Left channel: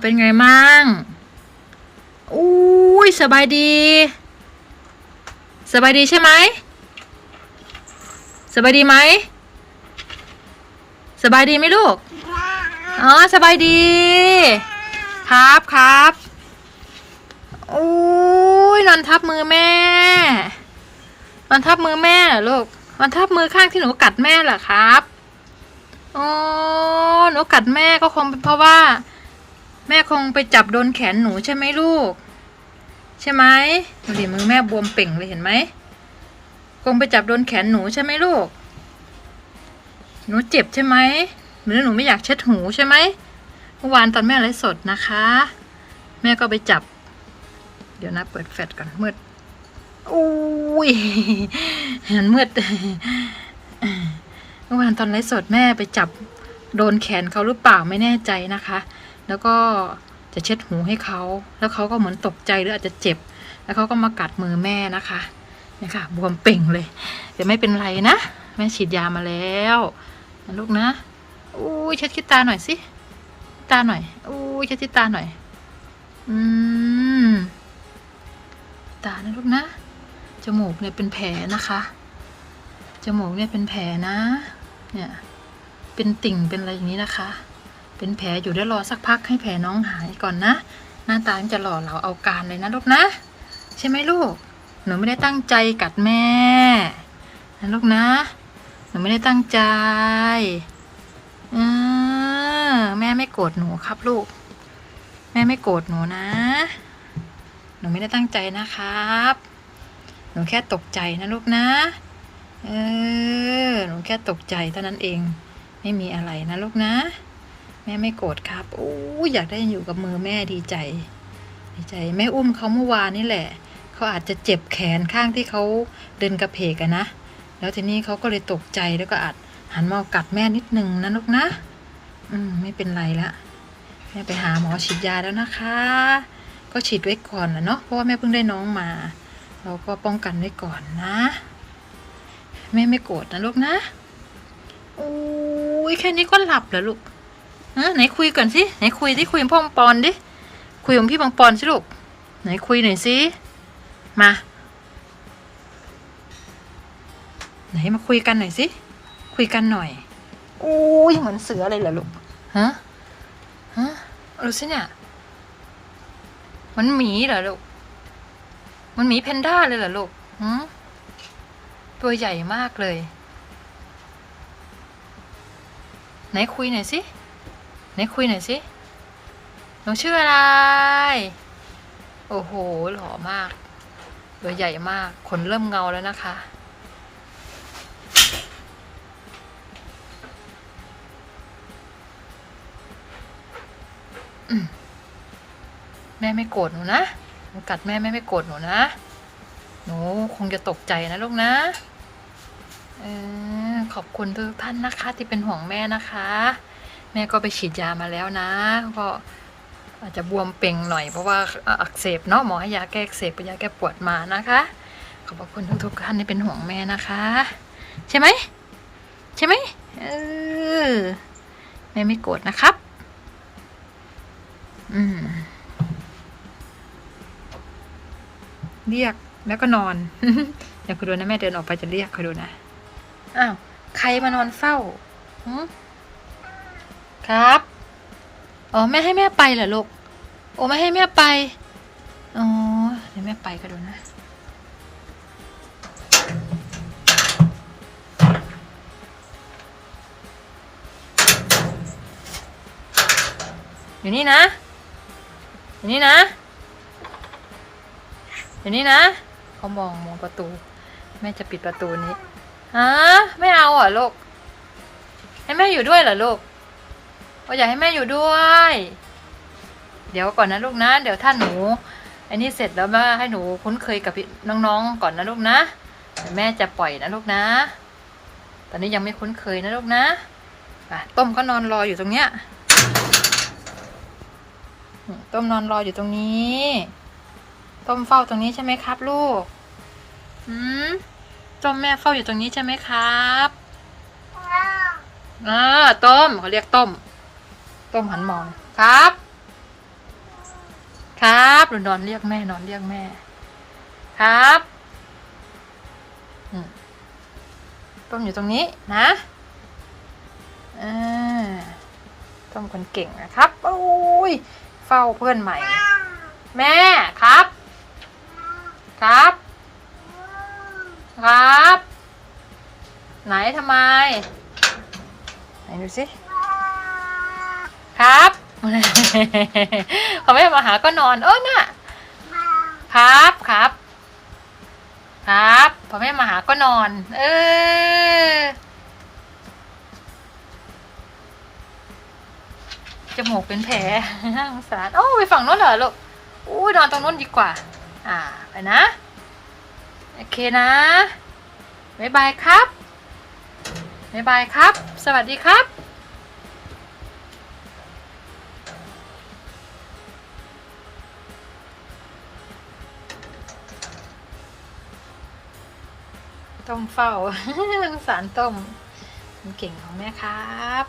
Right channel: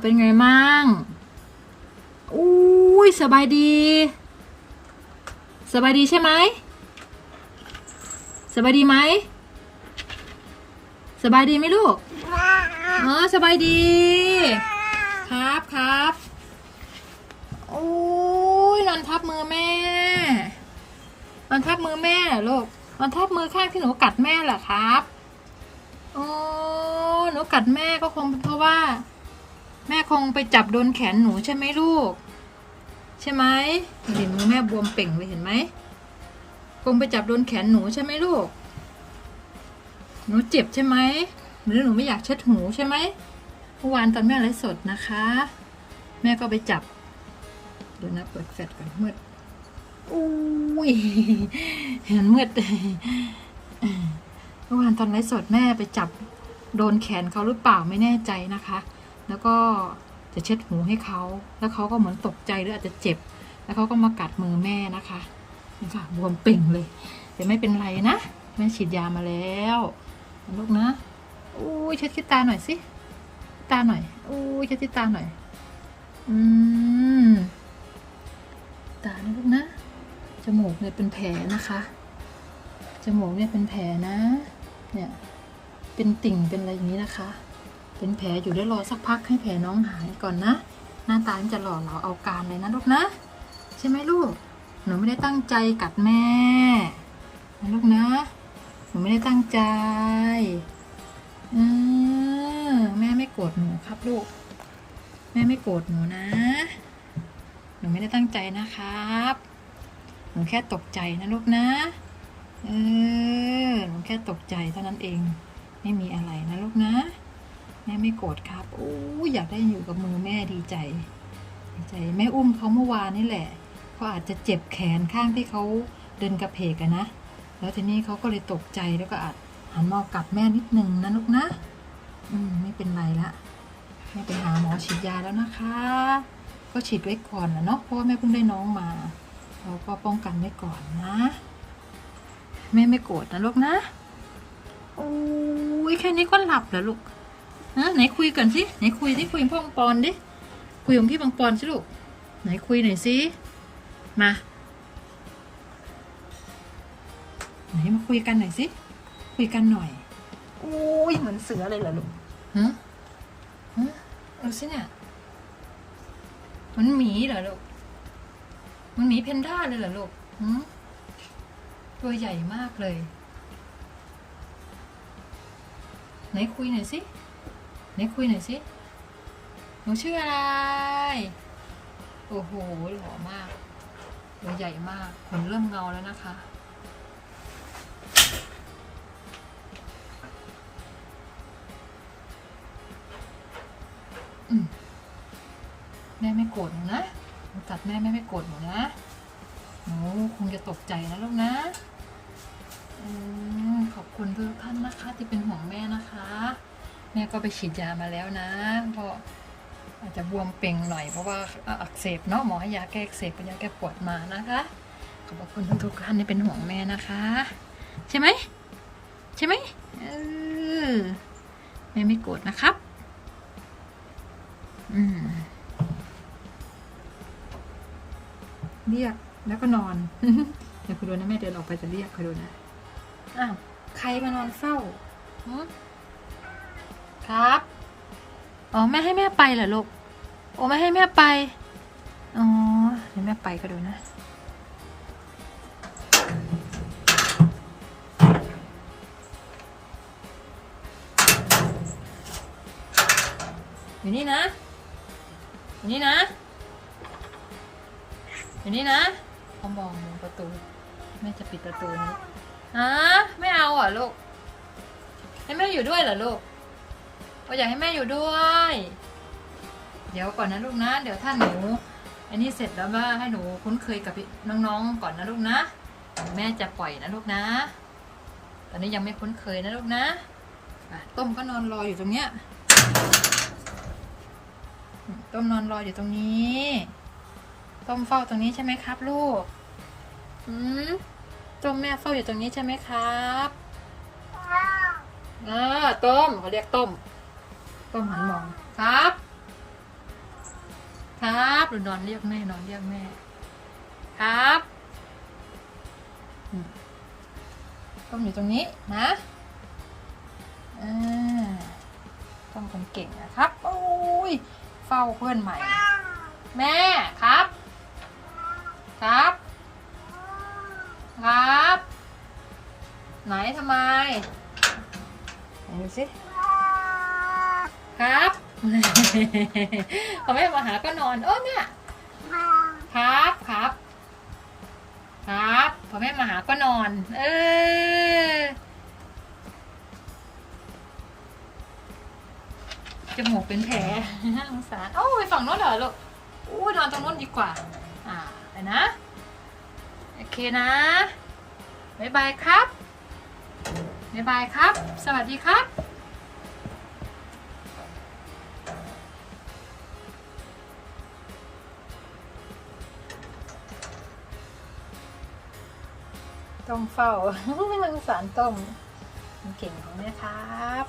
เป็นไงมั่งอุ้ยสบายดี สบายดีใช่ไหม สบายดีไหม สบายดีไหมลูก อ๋อ สบายดี ครับครับอุ้ยนอนทับมือแม่นอนทับมือแม่เหรอลูกนอนทับมือข้างที่หนูกัดแม่เหรอครับ อ๋อ หนูกัดแม่ก็คงเป็นเพราะว่า แม่คงไปจับโดนแขนหนูใช่ไหมลูก ใช่ไหมดูดิมือแม่บวมเป่งเลยเห็นไหมคงไปจับโดนแขนหนูใช่ไหมลูก หนูเจ็บใช่ไหมหรือหนูไม่อยากเช็ดหูใช่ไหมเมื่อวานตอนแม่ไลฟ์สดนะคะ แม่ก็ไปจับ เดี๋ยวนะเปิดแฟลชก่อนมืดอุ้ยเห็นมืดเมื่อวานตอนไลฟ์สดแม่ไปจับโดนแขนเขาหรือเปล่าไม่แน่ใจนะคะ แล้วก็จะเช็ดหูให้เขา แล้วเขาก็เหมือนตกใจหรืออาจจะเจ็บ แล้วเขาก็มากัดมือแม่นะคะนี่ค่ะบวมเป่งเลยแต่ไม่เป็นไรนะ แม่ฉีดยามาแล้วลูกนะอู้ยเช็ดขี้ตาหน่อยสิตาหน่อยอู้ยเช็ดขี้ตาหน่อย อืม ตานะลูกนะ จมูกเนี่ยเป็นแผลนะคะ จมูกเนี่ยเป็นแผลนะ เนี่ย เป็นติ่งเป็นอะไรอย่างนี้นะคะ เป็นแผลอยู่ได้รอสักพักให้แผลน้องหายก่อนนะ หน้าตาจะหล่อเหลาเอาการเลยนะลูกนะ ใช่ไหมลูก หนูไม่ได้ตั้งใจกัดแม่นะลูกนะ หนูไม่ได้ตั้งใจอแม่ไม่โกรธหนูครับลูก แม่ไม่โกรธหนูนะ หนูไม่ได้ตั้งใจนะครับ หนูแค่ตกใจนะลูกนะ เออ หนูแค่ตกใจเท่านั้นเอง ไม่มีอะไรนะลูกนะ แม่ไม่โกรธครับโอ้ยอยากได้อยู่กับมือแม่ดีใจ ดีใจ แม่อุ้มเขาเมื่อวานนี่แหละ เขาอาจจะเจ็บแขนข้างที่เขาเดินกระเพกอะนะ แล้วทีนี้เขาก็เลยตกใจแล้วก็อาจหันมากัดแม่นิดนึงนะลูกนะ อืมไม่เป็นไรละแม่ไปหาหมอฉีดยาแล้วนะคะ ก็ฉีดไว้ก่อนนะเนาะเพราะว่าแม่เพิ่งได้น้องมาเราก็ป้องกันไว้ก่อนนะ แม่ไม่โกรธนะลูกนะโอ้ยแค่นี้ก็หลับแล้วลูก ฮะไหนคุยก่อนสิไหนคุยที่คุยกับพ่อปังปอนดิคุยกับพี่ปังปอนสิลูกไหนคุยหน่อยสิมาไหนมาคุยกันหน่อยสิคุยกันหน่อยโอ้ยเหมือนเสือเลยเหรอลูกฮะฮะรู้สิเนี่ยมันหมีเหรอลูกมันหมีแพนด้าเลยเหรอลูกหืมตัวใหญ่มากเลย ไหนคุยหน่อยสิ ไหนคุยหน่อยสิหนูชื่ออะไร โอ้โห หล่อมาก ตัวใหญ่มาก ขนเริ่มเงาแล้วนะคะ แม่ไม่โกรธหนูนะหนูกัดแม่แม่ไม่โกรธหนูนะ หนูคงจะตกใจนะลูกนะอขอบคุณทุกท่านนะคะที่เป็นห่วงแม่นะคะ แม่ก็ไปฉีดยามาแล้วนะ ก็อาจจะบวมเป่งหน่อยเพราะว่าอักเสบเนาะหมอให้ยาแก้อักเสบเป็นยาแก้ปวดมานะคะ ขอบคุณทุกๆท่านที่เป็นห่วงแม่นะคะ ใช่ไหมใช่ไหมเออแม่ไม่โกรธนะครับ อืม เรียกแล้วก็นอนเดี๋ยวคุณดูนะแม่เดินออกไปจะเรียกคุณดูนะ อ้าว ใครมานอนเฝ้า ครับ อ๋อแม่ให้แม่ไปเหรอลูก โอ้ไม่ให้แม่ไป อ๋อ เดี๋ยวแม่ไปก็ดูนะอยู่นี่นะ อยู่นี่นะ อยู่นี่นะเขามองมองประตู แม่จะปิดประตูนี้ฮะไม่เอาเหรอลูก ให้แม่อยู่ด้วยเหรอลูก ก็อยากให้แม่อยู่ด้วย เดี๋ยวก่อนนะลูกนะ เดี๋ยวถ้านหนูอันนี้เสร็จแล้วมาให้หนูคุ้นเคยกับพี่น้องๆก่อนนะลูกนะ แม่จะปล่อยนะลูกนะ ตอนนี้ยังไม่คุ้นเคยนะลูกนะะต้มก็นอนรออยู่ตรงเนี้ยต้มนอนรออยู่ตรงนี้ ต้มเฝ้าตรงนี้ใช่ไหมครับ ลูกอืมต้มแม่เฝ้าอยู่ตรงนี้ใช่ไหมครับอ่าต้มเขาเรียกต้ม ต้มหันมองครับบหรือนอนเรียกแม่นอนเรียกแม่ ครับอืมต้มอยู่ตรงนี้นะอ่าต้มคนเก่งนะครับโอ้ยเฝ้าเพื่อนใหม่ แม่ครับ ครับ ครับ ไหนทำไมไหนดูสิ ครับ พอแม่มาหาก็นอนเออน่ะ ครับครับ ครับพอแม่มาหาก็นอน เออจมูกเป็นแผลน่าสงสารโอ้ไปฝั่งโน้นเหรอลูกอู้ยนอนตรงโน้นดีกว่า อ่าไปนะ โอเคนะบ๊ายบายครับบ๊ายบายครับ สวัสดีครับ ต้องเฝ้าสารต้มเก่งของแม่ครับ